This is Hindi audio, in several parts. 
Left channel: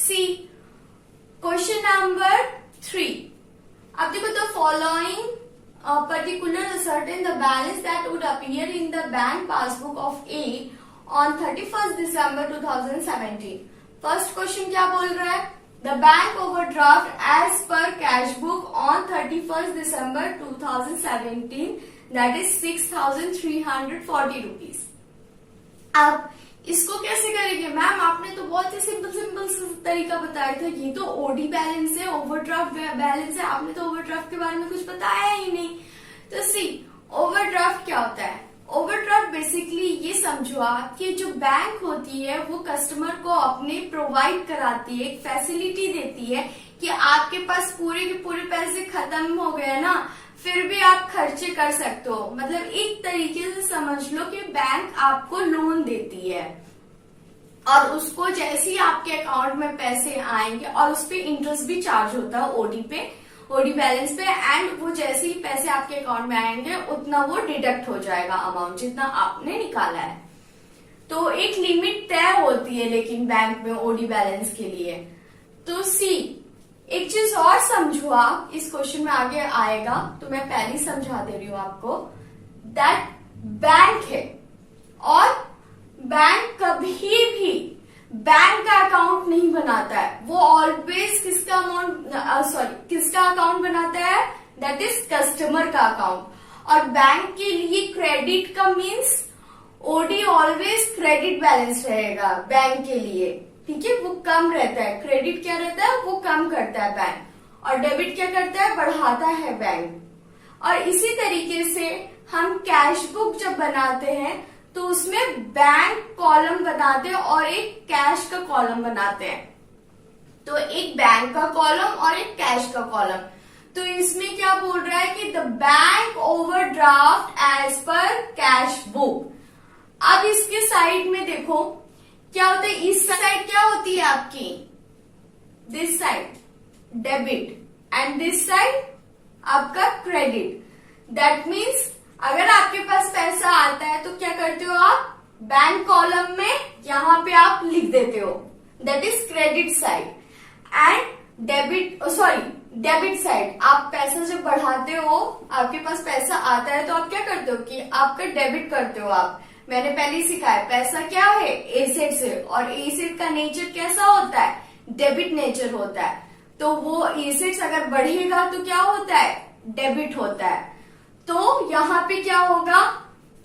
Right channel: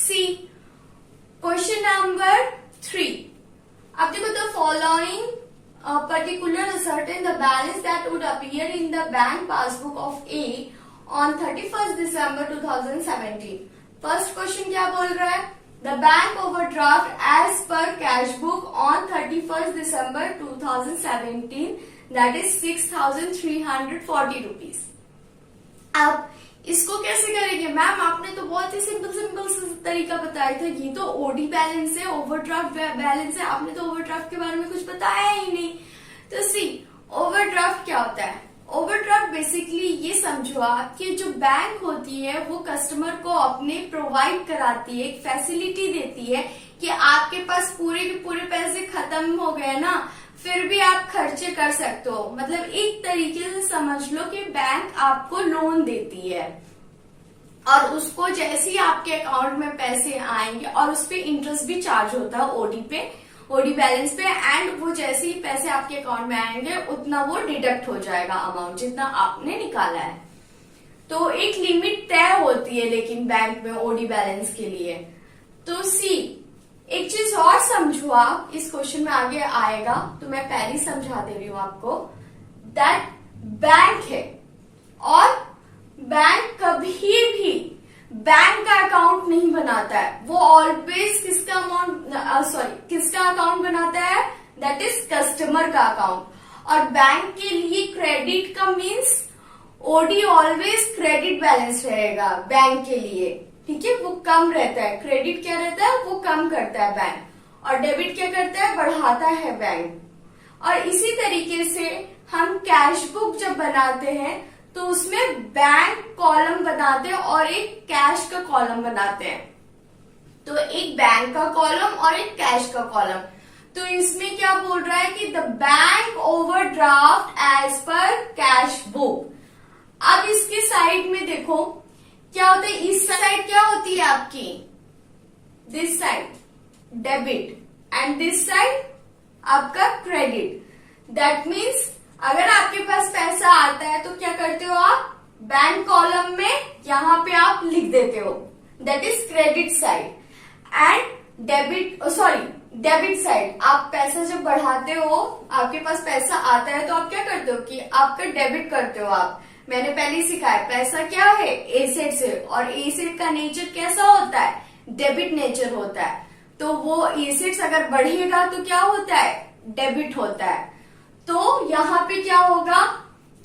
सी क्वेश्चन नंबर 3। अब देखो, the following particular ascertain the balance that would appear in the bank passbook of A on 31st December 2017। First question क्या बोल रहा है? The bank overdraft as per cash book on 31st December 2017 that is 6,340 rupees. अब इसको कैसे करेंगे मैम? आपने तो बहुत ही सिंपल तरीका बताया था। ये तो ओडी बैलेंस है, ओवरड्राफ्ट बैलेंस है। आपने तो ओवरड्राफ्ट के बारे में कुछ बताया ही नहीं। तो सी, ओवरड्राफ्ट क्या होता है? ओवरड्राफ्ट बेसिकली ये समझो आप कि जो बैंक होती है वो कस्टमर को अपने प्रोवाइड कराती है, एक फैसिलिटी देती है कि आपके पास पूरे के पूरे पैसे खत्म हो गए ना, फिर भी आप खर्चे कर सकते हो। मतलब एक तरीके से समझ लो कि बैंक आपको लोन देती है और उसको जैसे ही आपके अकाउंट में पैसे आएंगे और उस पर इंटरेस्ट भी चार्ज होता है ओडी बैलेंस पे, एंड वो जैसे ही पैसे आपके अकाउंट में आएंगे उतना वो डिडक्ट हो जाएगा अमाउंट जितना आपने निकाला है। तो एक लिमिट तय होती है लेकिन बैंक में ओडी बैलेंस के लिए। तो सी, एक चीज और समझो आप, इस क्वेश्चन में आगे आएगा तो मैं पहले ही समझा दे रही हूं आपको, दैट बैंक है और बैंक कभी भी बैंक का अकाउंट नहीं बनाता है। वो ऑलवेज किसका अकाउंट बनाता है? दैट इज कस्टमर का अकाउंट। और बैंक के लिए क्रेडिट का means OD always credit balance रहेगा बैंक के लिए, ठीक है? वो कम रहता है। क्रेडिट क्या रहता है? वो कम करता है बैंक, और डेबिट क्या करता है? बढ़ाता है बैंक। और इसी तरीके से हम कैश बुक जब बनाते हैं तो उसमें बैंक कॉलम बनाते हैं और एक कैश का कॉलम बनाते हैं। तो एक बैंक का कॉलम और एक कैश का कॉलम। तो इसमें क्या बोल रहा है कि the bank overdraft as per cash book. अब इसके साइड में देखो क्या होता है। इस साइड क्या होती है आपकी? This side debit and this side आपका क्रेडिट। दैट मीन्स अगर आपके पास पैसा आता है तो क्या करते हो आप? बैंक कॉलम में यहां पे आप लिख देते हो, that is credit side. And debit side, आप पैसा जब बढ़ाते हो, आपके पास पैसा आता है तो आप क्या करते हो कि आपका डेबिट करते हो आप। मैंने पहले ही सिखाया, पैसा क्या है? एसेट्स है, और एसेट का नेचर कैसा होता है? डेबिट नेचर होता है। तो वो एसेट्स अगर बढ़ेगा तो क्या होता है? डेबिट होता है। तो यहाँ पे क्या होगा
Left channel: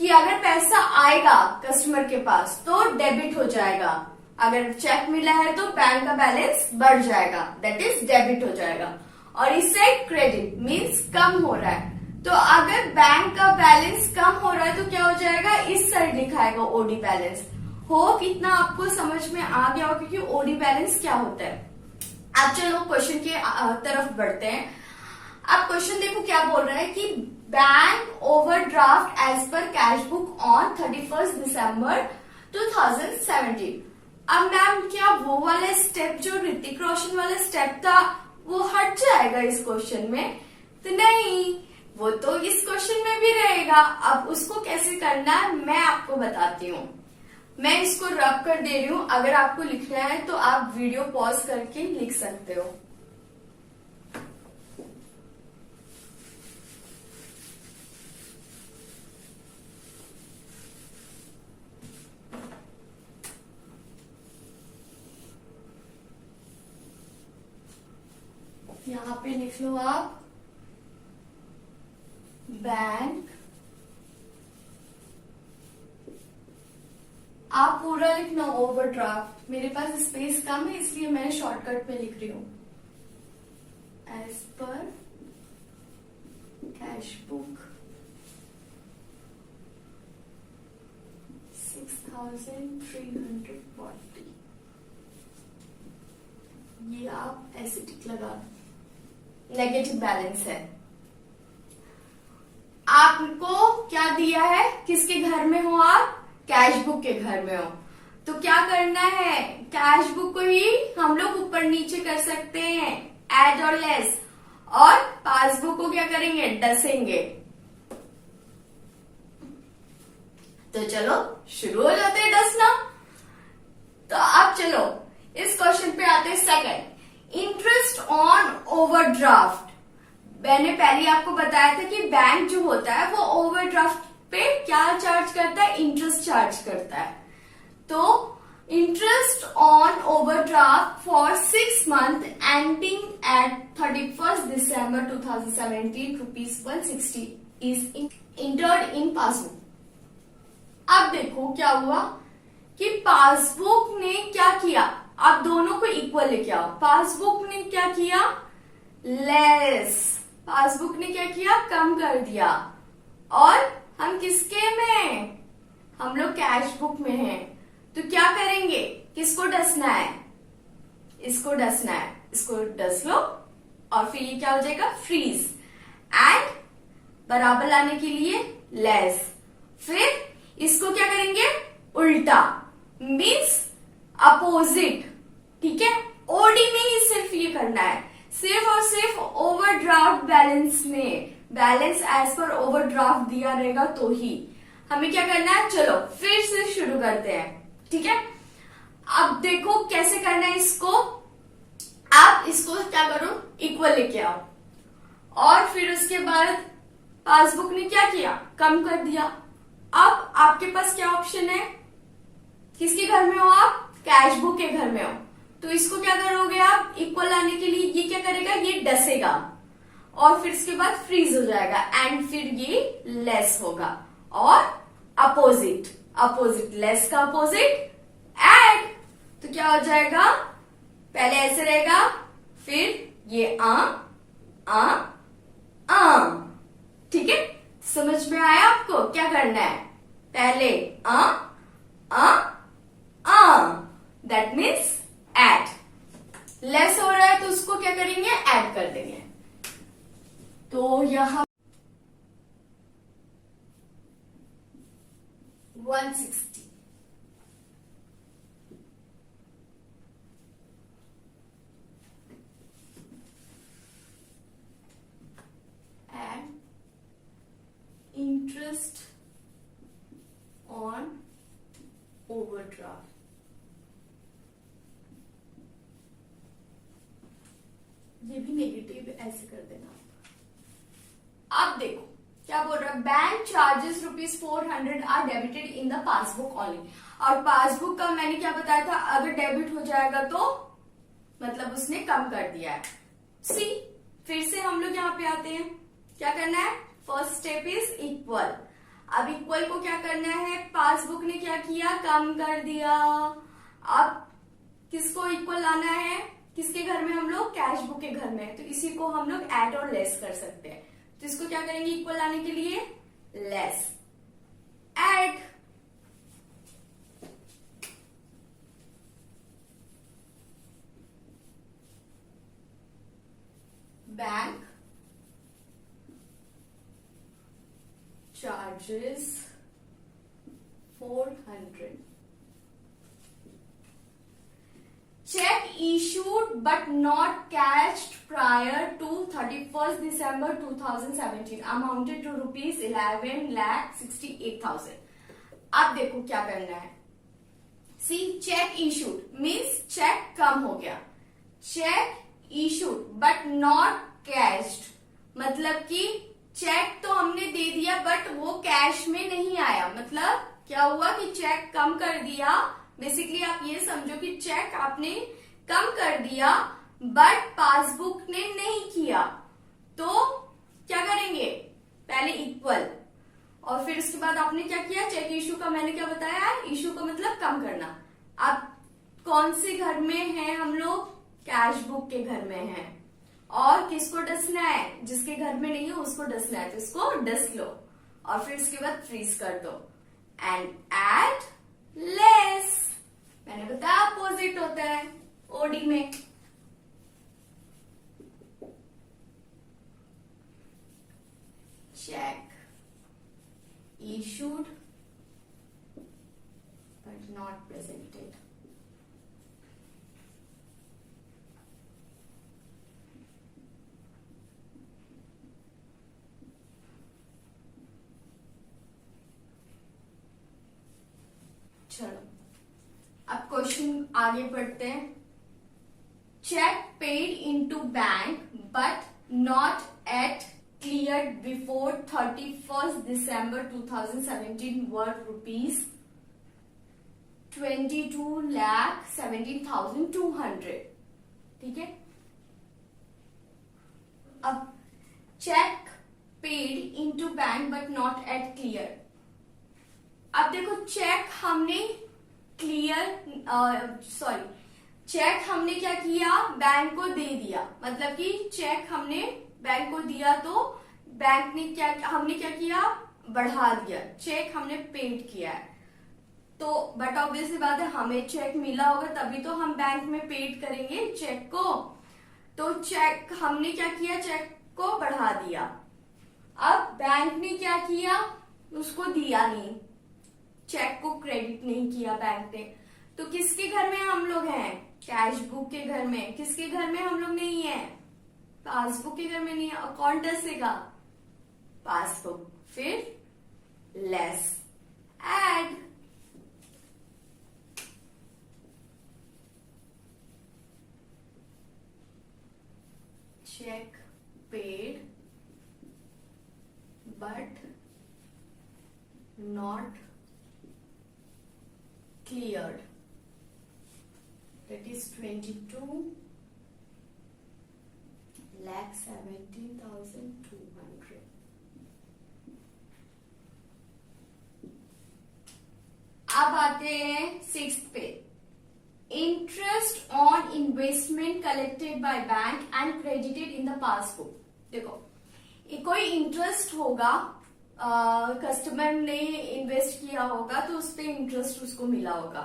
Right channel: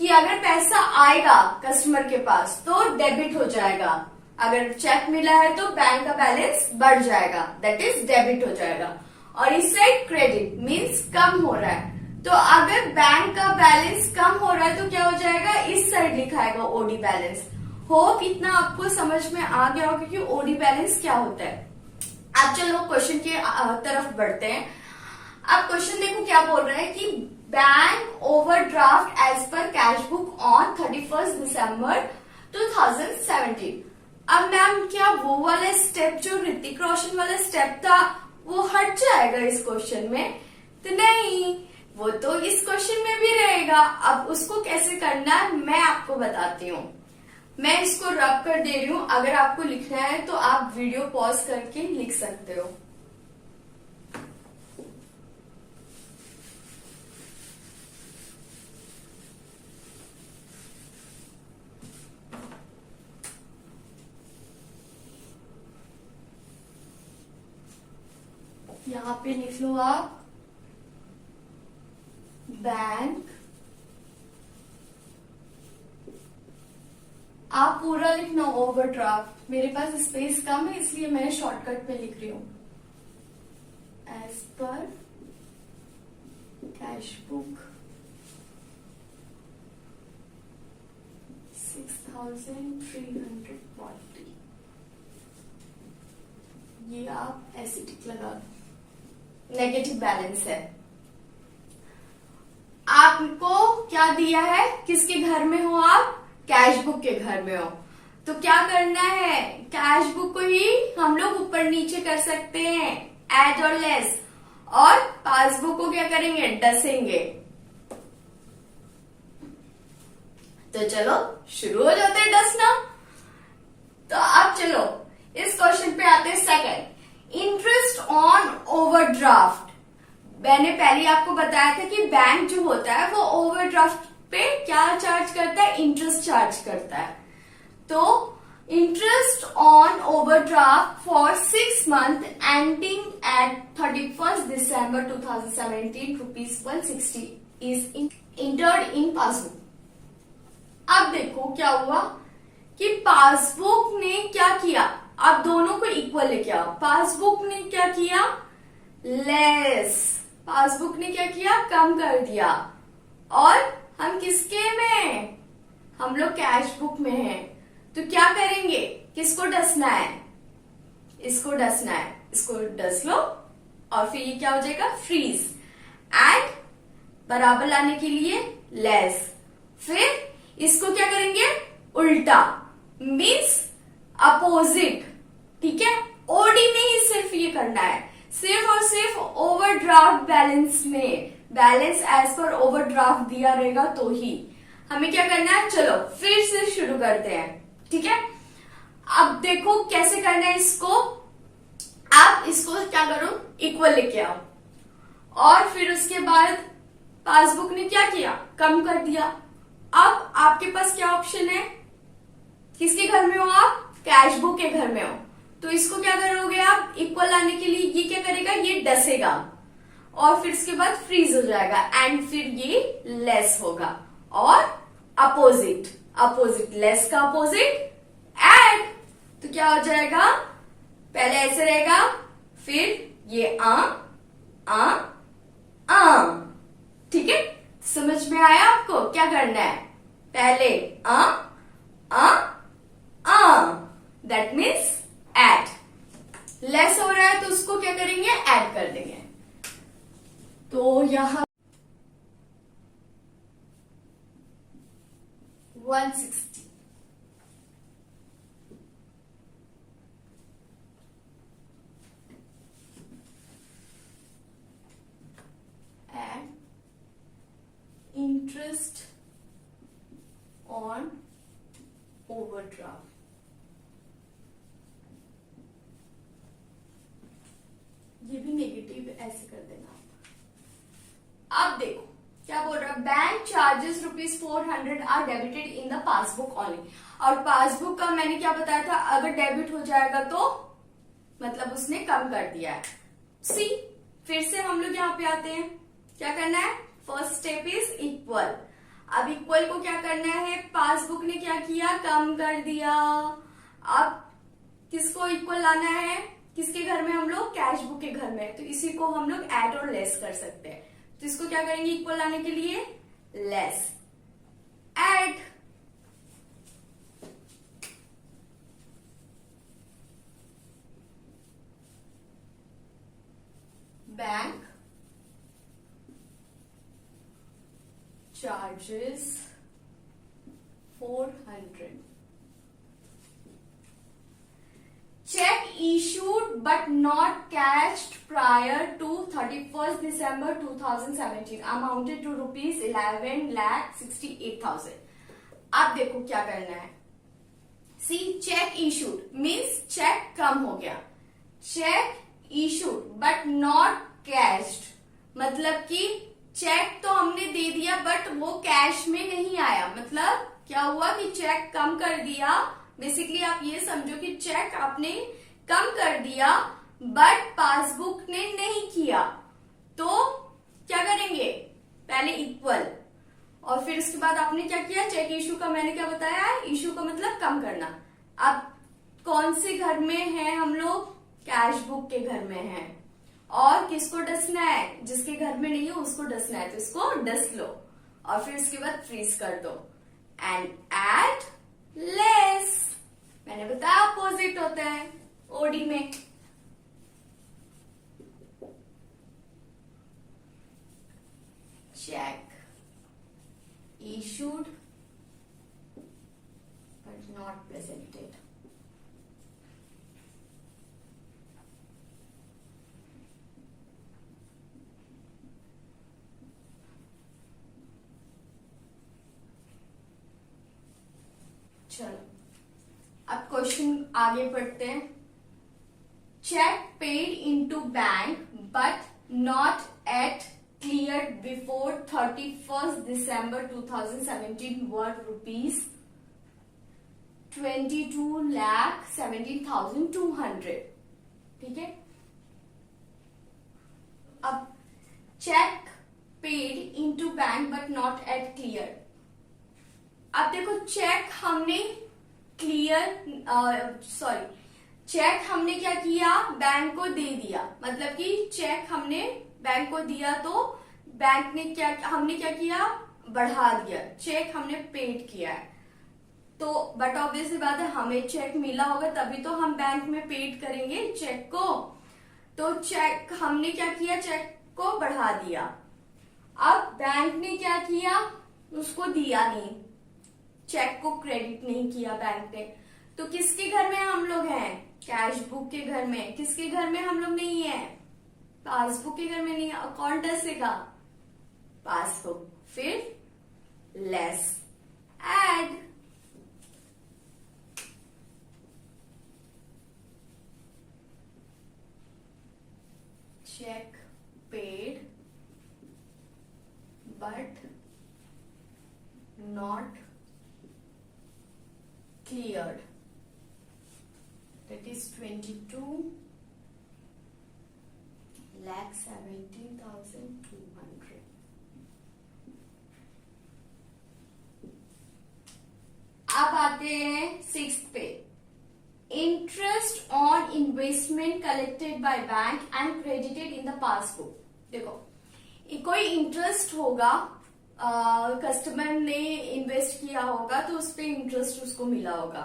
कि अगर पैसा आएगा कस्टमर के पास तो डेबिट हो जाएगा, अगर चेक मिला है तो बैंक का बैलेंस बढ़ जाएगा, दैट इज डेबिट हो जाएगा। और इस साइड क्रेडिट मीन्स कम हो रहा है। तो अगर बैंक का बैलेंस कम हो रहा है तो क्या हो जाएगा? इस साइड लिखाएगा ओडी बैलेंस। होप इतना आपको समझ में आ गया हो क्योंकि ओडी बैलेंस क्या होता है। अब चलो क्वेश्चन के तरफ बढ़ते हैं। अब क्वेश्चन देखो क्या बोल रहा है कि bank overdraft as per cash book on 31st December 2017। अब मैम क्या वो वाला स्टेप जो ऋतिक रोशन वाला स्टेप था वो हट जाएगा इस क्वेश्चन में? तो नहीं, वो तो इस क्वेश्चन में भी रहेगा। अब उसको कैसे करना है मैं आपको बताती हूँ। मैं इसको रब कर दे रही हूँ। अगर आपको लिखना है तो आप वीडियो पॉज करके लिख सकते हो। यहाँ पे लिख लो आप बैंक। आप पूरा लिखना ओवरड्राफ्ट। मेरे पास स्पेस कम है इसलिए मैं शॉर्टकट में लिख रही हूं। As per cash book 6,340। ये आप ऐसे टिक लगा दो। नेगेटिव बैलेंस है। आपको क्या दिया है? किसके घर में हो आप? कैश बुक के घर में हो। तो क्या करना है? कैश बुक को ही हम लोग ऊपर नीचे कर सकते हैं, ऐड और लेस, और पासबुक को क्या करेंगे? डसेंगे। तो चलो शुरू हो जाते हैं डसना। तो अब चलो इस क्वेश्चन पे आते हैं। On overdraft. मैंने पहले आपको बताया था कि बैंक जो होता है वो ओवरड्राफ्ट पे क्या चार्ज करता है, इंटरेस्ट चार्ज करता है। तो interest on overdraft for 6 months ending eight 31st December 2017 ₹160 is entered in passbook. अब देखो क्या हुआ कि पासबुक ने क्या किया, अब दोनों को इक्वल लेके आओ। पासबुक ने क्या किया, लेस, पासबुक ने क्या किया, कम कर दिया। और हम किसके में, हम लोग कैश बुक में हैं, तो क्या करेंगे, किसको डसना है, इसको डसना है, इसको डस लो और फिर ये क्या हो जाएगा, फ्रीज। एंड बराबर लाने के लिए लेस, फिर इसको क्या करेंगे, उल्टा, मीन्स अपोजिट। ठीक है, ओडी में ही सिर्फ ये करना है, सिर्फ और सिर्फ ओवरड्राफ्ट बैलेंस में, बैलेंस एज पर ओवरड्राफ्ट दिया रहेगा तो ही हमें क्या करना है। चलो फिर से शुरू करते हैं। ठीक है, अब देखो कैसे करना है इसको। आप इसको क्या करो, इक्वल लेके आओ और फिर उसके बाद पासबुक ने क्या किया, कम कर दिया। अब आपके पास क्या ऑप्शन है, किसके घर में हो आप, कैश बुक के घर में हो, तो इसको क्या करोगे आप, इक्वल लाने के लिए ये क्या करेगा, ये डसेगा और फिर इसके बाद फ्रीज हो जाएगा एंड फिर ये लेस होगा। और अपोजिट, अपोजिट लेस का अपोजिट एड, तो क्या हो जाएगा, पहले ऐसे रहेगा, फिर ये आ। ठीक है, समझ में आया आपको क्या करना है, पहले दैट मीन्स एड। लेस हो रहा है तो उसको क्या करेंगे, ऐड कर देंगे। तो यहां 160 and interest on overdraft। ये भी नेगेटिव ऐसे कर देना। अब देखो क्या बोल रहा है, bank charges ₹400 are debited in the passbook only. और पासबुक का मैंने क्या बताया था, अगर डेबिट हो जाएगा तो मतलब उसने कम कर दिया है। सी, फिर से हम लोग यहाँ पे आते हैं, क्या करना है, फर्स्ट स्टेप इज इक्वल। अब इक्वल को क्या करना है, पासबुक ने क्या किया, कम कर दिया। अब किसको इक्वल लाना है, किसके घर में, हम लोग कैश बुक के घर में, तो इसी को हम लोग ऐड और लेस कर सकते हैं। तो इसको क्या करेंगे, इक्वल लाने के लिए less, add, bank charges 400, check issued but not cashed prior to 31st December 2017 amounted to ₹11,68,000। अब देखो क्या करना है, सी, चेक इशूड मीन्स चेक कम हो गया, check issued but not cached, मतलब कि चेक तो हमने दे दिया बट वो कैश में नहीं आया। मतलब क्या हुआ कि चेक कम कर दिया, बेसिकली आप ये समझो कि चेक आपने कम कर दिया बट पासबुक ने नहीं किया, तो क्या करेंगे, पहले इक्वल और फिर उसके बाद आपने क्या किया, चेक इशू का मैंने क्या बताया, इशू का मतलब कम करना। अब कौन से घर में है हम लोग, कैश बुक के घर में है, और किसको डसना है, जिसके घर में नहीं है उसको डसना है, तो इसको डस लो और फिर इसके बाद फ्रीज कर दो एंड ऐड लेस। मैंने बताया अपोजिट होता है ओडी में। Cheque issued but not presented। चलो अब क्वेश्चन आगे बढ़ते हैं। check paid into bank but not yet cleared before 31st December 2017 were rupees 22,17,200. ठीक है. अब cheque paid into bank but not yet clear. अब देखो चेक हमने चेक हमने क्या किया, बैंक को दे दिया. मतलब कि चेक हमने बैंक को दिया तो बैंक ने हमने क्या किया, बढ़ा दिया. चेक हमने पेड किया है तो बट ऑब्वियसली बात है हमें चेक मिला होगा तभी तो हम बैंक में पेड करेंगे चेक को. तो चेक हमने क्या किया, चेक को बढ़ा दिया. अब बैंक ने क्या किया, उसको दिया नहीं, चेक को क्रेडिट नहीं किया बैंक ने. तो किसके घर में हम लोग हैं, कैश बुक के घर में. किसके घर में हम लोग नहीं है, पासबुक के घर में नहीं है. कौन टसेगा, पासबुक. फिर less add. check paid but not cleared, that is 22,17,200. अब आते हैं 6th पे. Interest on investment collected by bank and credited in the passbook. देखो कोई इंटरेस्ट होगा, कस्टमर ने इन्वेस्ट किया होगा तो उस पर इंटरेस्ट उसको मिला होगा.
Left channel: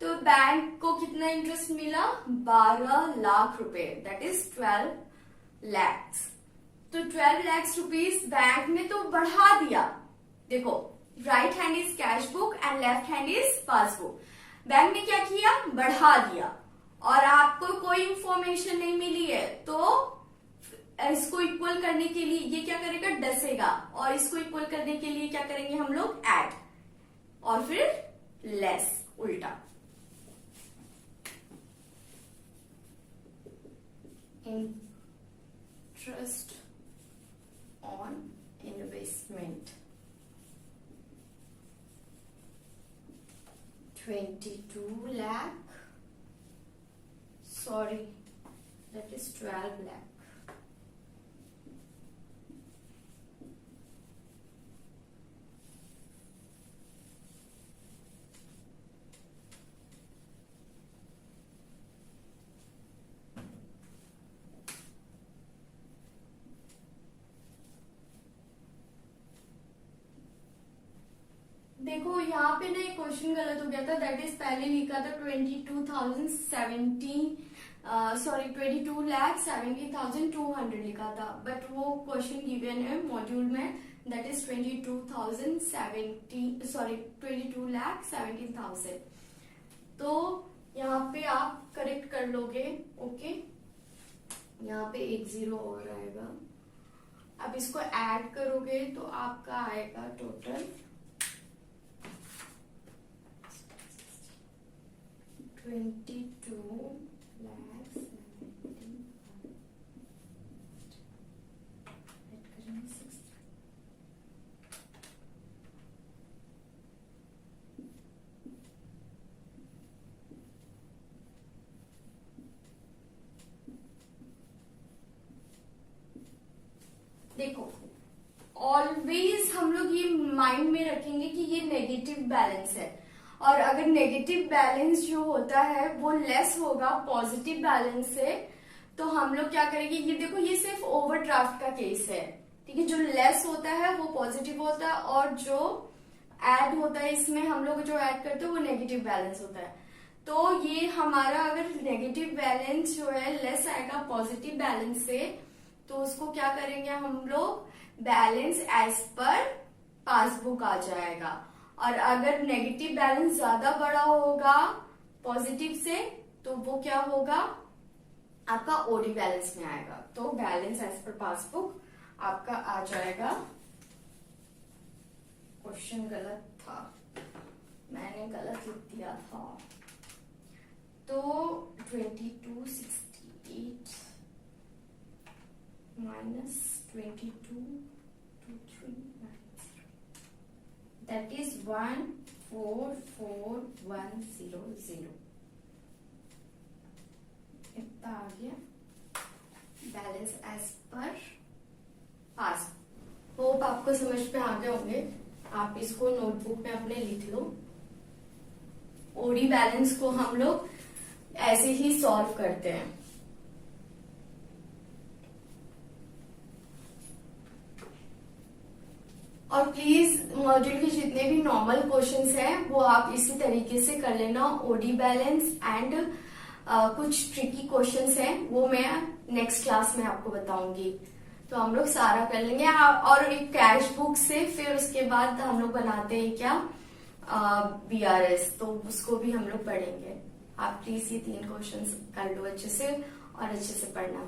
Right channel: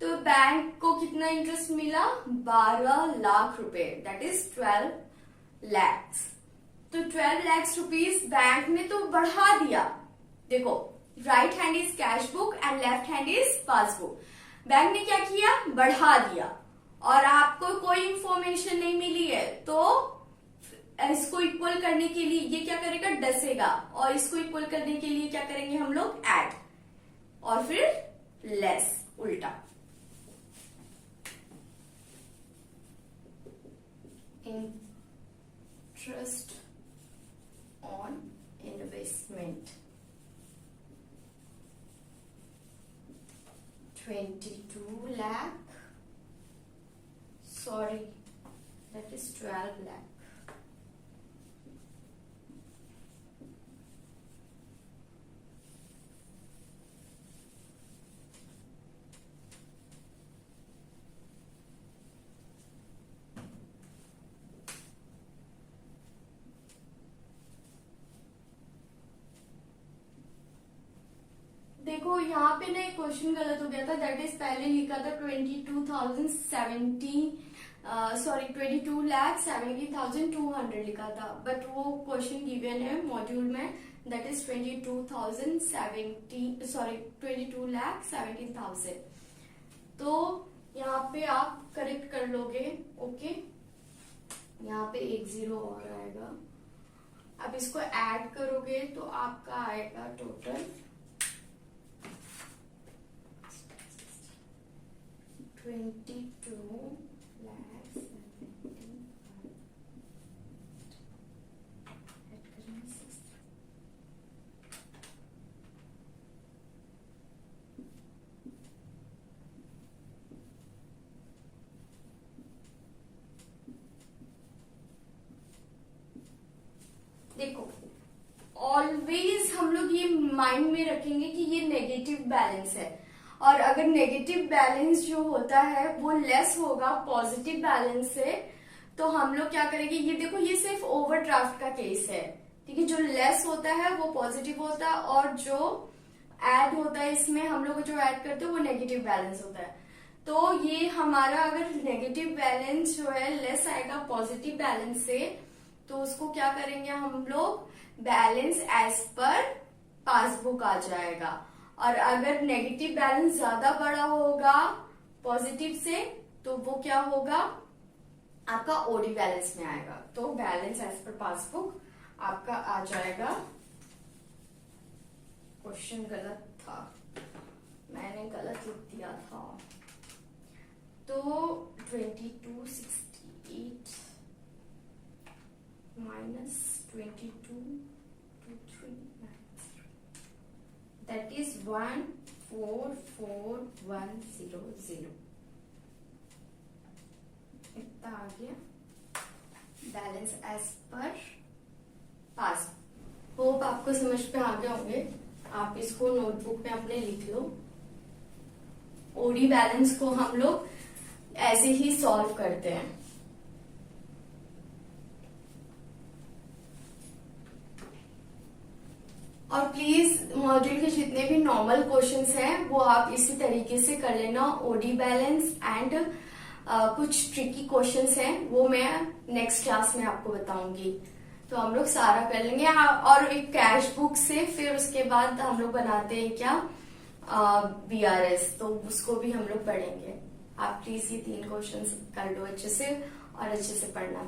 तो बैंक को कितना इंटरेस्ट मिला, 12 लाख रुपए, दैट इज 12 lakhs. तो 12 lakhs रुपीज बैंक ने तो बढ़ा दिया. देखो right hand is cash book and left hand is passbook. Bank ने क्या किया, बढ़ा दिया. और आपको कोई इंफॉर्मेशन नहीं मिली है तो इसको इक्वल करने के लिए ये क्या करेगा, डसेगा. और इसको इक्वल करने के लिए क्या करेंगे हम लोग, ऐड. और फिर लेस, उल्टा. Interest on investment 22 lakh, sorry, that is 12 lakh. देखो यहाँ पे ना एक क्वेश्चन गलत हो गया था. दैट इज पहले लिखा था 22,70,200 लिखा था. बट वो क्वेश्चन गिवन है मॉड्यूल में, दैट इज 22,17,000. तो यहाँ पे आप करेक्ट कर लोगे. ओके, यहाँ पे 1 0 हो जाएगा. अब इसको ऐड करोगे तो आपका आएगा टोटल 22 lakhs. देखो ऑलवेज हम लोग ये माइंड में रखेंगे कि ये नेगेटिव बैलेंस है. और अगर नेगेटिव बैलेंस जो होता है वो लेस होगा पॉजिटिव बैलेंस से, तो हम लोग क्या करेंगे, ये देखो ये सिर्फ ओवरड्राफ्ट का केस है. ठीक है, जो लेस होता है वो पॉजिटिव होता है और जो ऐड होता है इसमें हम लोग जो ऐड करते हैं वो नेगेटिव बैलेंस होता है. तो ये हमारा अगर नेगेटिव बैलेंस जो है लेस आएगा पॉजिटिव बैलेंस से, तो उसको क्या करेंगे हम लोग, बैलेंस एज पर पासबुक आ जाएगा. और अगर नेगेटिव बैलेंस ज्यादा बड़ा होगा पॉजिटिव से तो वो क्या होगा, आपका ओडी बैलेंस में आएगा. तो बैलेंस एज पर पासबुक आपका आ जाएगा. क्वेश्चन गलत था, मैंने गलत लिख दिया था. तो 2260 -222390, that is 144100। इतना आ गया बैलेंस एज पर पास। होप आपको समझ पे आ गए होंगे। आप इसको नोटबुक में अपने लिख लो। ओडी बैलेंस को हम लोग ऐसे ही सॉल्व करते हैं। और प्लीज मॉड्यूल के जितने भी नॉर्मल क्वेश्चंस हैं वो आप इसी तरीके से कर लेना। ओडी बैलेंस एंड कुछ ट्रिकी क्वेश्चंस हैं वो मैं नेक्स्ट क्लास में आपको बताऊंगी। तो हम लोग सारा कर लेंगे। और एक कैश बुक से फिर उसके बाद हम लोग बनाते हैं क्या बीआरएस, तो उसको भी हम लोग पढ़ेंगे। आप प्लीज ये 3 क्वेश्चंस कर लो अच्छे से और अच्छे से पढ़ना।